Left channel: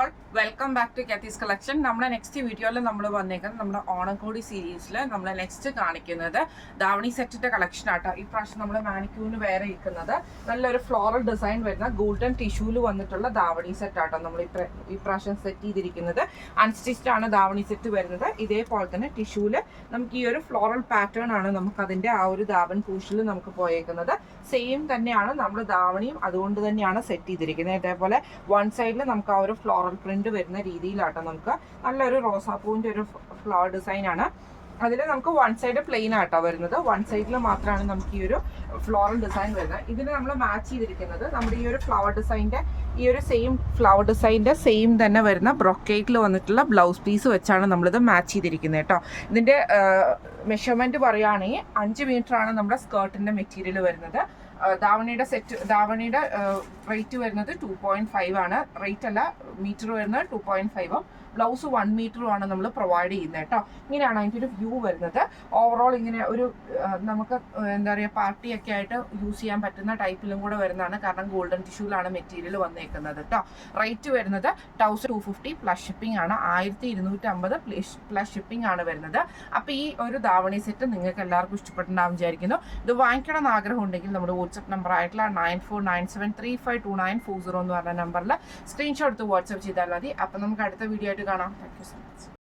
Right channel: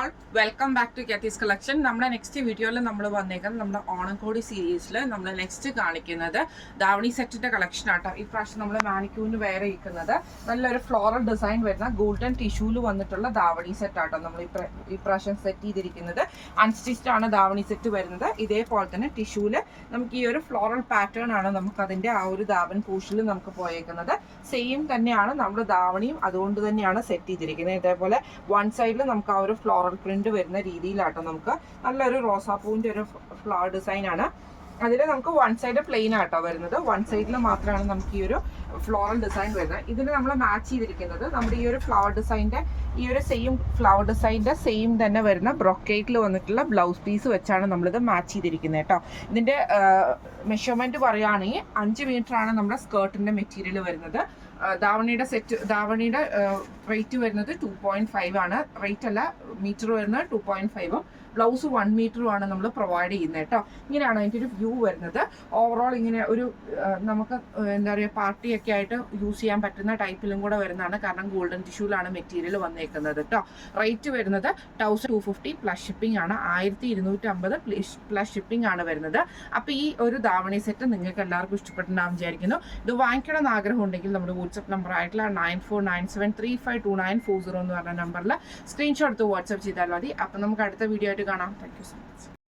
All welcome back to കാത്തീസ് collection. നമ്മുടെ next വീഡിയോയിൽ നമ്മൾ വന്നേക്കുന്നത് നമ്മുടെ ഓണക്കോടി സീരീസിൽ നമ്മൾ നെക്സ്റ്റ് കാണിക്കുന്നത് ധാവണി സെറ്റിന്റെ കളക്ഷൻ ആട്ടോ. ഈ പ്രാവശ്യം നമ്മൾ മാനിക്യൂവിന് വേറെ ഇരിക്കുന്നത് നല്ലൊരു ഫ്ലോറൽ ഡിസൈൻ വരുന്ന ഗോൾഡൻ ടിഷ്യൂല് വന്നിട്ടുള്ള ധാവണി സെറ്റ് ആട്ടോ. നമ്മൾ ഈ പ്രാവശ്യം സെറ്റ് ചെയ്തിരിക്കുന്നത് അൺസ്റ്റിച്ച്ഡ് ആണ് ധാവണി സെറ്റ് വരുന്നത്. ഇതേപോലെ തന്നെ ടിഷ്യൂല് നമുക്ക് ഈ ഒരു ഫ്ലോറൽ പാറ്റേൺ ആണ് നമുക്ക് അതിന്റെ ആ ഒരു ധാവൻ പൂഷിൽ നമുക്ക് പോയേക്കുന്നത്. സെയിം തന്നെയാണ് നമ്മൾ ധാവണിയും അതുകൊണ്ട് തന്നെയാണ് സെറ്റ് ചെയ്തിരിക്കുന്നത്. ഇതേപോലെ വൺ സൈഡിൽ നമുക്ക് ആ ഒരു ഫ്ലോറൽ പ്രിന്റ് വരുന്ന രീതിയിലാട്ടോ. നമുക്ക് നല്ലൊരു റോസാപ്പൂവിന്റെ ഒരു ഫ്ലവർ ഡിസൈൻ ആണ്. അതിൽ നമുക്ക് വൺ സൈഡ് പ്ലെയിൻ ആട്ടോ വരുന്നത്. വൺ സൈഡിൽ മാത്രമാണ് നമുക്ക് ഈ ഒരു ഫ്ലോറൽ ഡിസൈൻ വരുന്നത്. ഇതിന് നമ്മൾ മാച്ച് ചെയ്തിരിക്കുന്നത് നമ്മുടെ ഈ ഒരു ഫ്ലവർ ഡിസൈൻ്റെ ഈ ഒരു സെയിം ഫ്ലവർ ഡിസൈൻ്റെ സെയിം തന്നെ വരുന്ന ബ്രൊക്കേറ്റിൽ വന്നിട്ടുള്ള ബ്ലൗസ് പീസ് വെച്ചാണ് നമ്മളിത് മാച്ച് ചെയ്തിരിക്കുന്നത് കേട്ടോ. ഇതിൻ്റെ മെഷർമെൻറ്റ് പറയുകയാണെങ്കിൽ 5 മീറ്ററാണ് നമ്മുടെ സ്കേർട്ടിൻ്റെ മെറ്റീരിയൽ വരുന്നത്. ധാവണിയുടെ റേറ്റ് വരുന്നത് 2.5 ആണ്. റേറ്റ് അല്ല, മീറ്റർ വരുന്നത് 2.5ഉം ബ്ലൗസ് 1 മീറ്ററുമാണ് നമ്മൾ പ്രൊവൈഡ് ചെയ്യുന്നത് കേട്ടോ. ഇങ്ങനെയാണ് അതിൻ്റെ ഒരു വ്യൂ വരുന്നത്. ഓവറോൾ ഇങ്ങനെ ഒരു നമുക്ക് എന്താ പറയുക പാർട്ടിയൊക്കെ ആയിട്ട് യൂസ് ചെയ്യാൻ പറ്റുന്ന ടൈപ്പിലും കൂടെ വരുന്നതാണ്. കാരണം ഗോൾഡൻ ടിഷ്യൂലാണ് മെറ്റീരിയൽ വന്നേക്കുന്നത് കേട്ടോ. റേറ്റ് വരുന്നത് 1250 പ്ലസ് ഷിപ്പിംഗ് ആണ്. 1250 പ്ലസ് ഷിപ്പിംഗ് ആണ് വരുന്നത്. അപ്പോൾ ഈ ഒരു ധാവണി സെറ്റ് നിങ്ങൾക്ക് എല്ലാവർക്കും ഇഷ്ടപ്പെട്ടുണ്ടാവും വിചാരിക്കുന്നു. ഇത് വാങ്ങിക്കണം എന്ന് ആഗ്രഹം ഉണ്ടെങ്കിൽ നമ്മുടെ വാട്സ്ആപ്പ് നമ്പർ ആയിട്ടുള്ള 9497352940 എന്ന് പറഞ്ഞ നമ്പറിൽ സ്ക്രീൻഷോട്ട് എടുത്ത് വാട്സ്ആപ്പ് ചെയ്താൽ മതി. അപ്പം നമുക്ക് അടുത്ത വീഡിയോ ആയിട്ട് കാണാം. Thank you so much.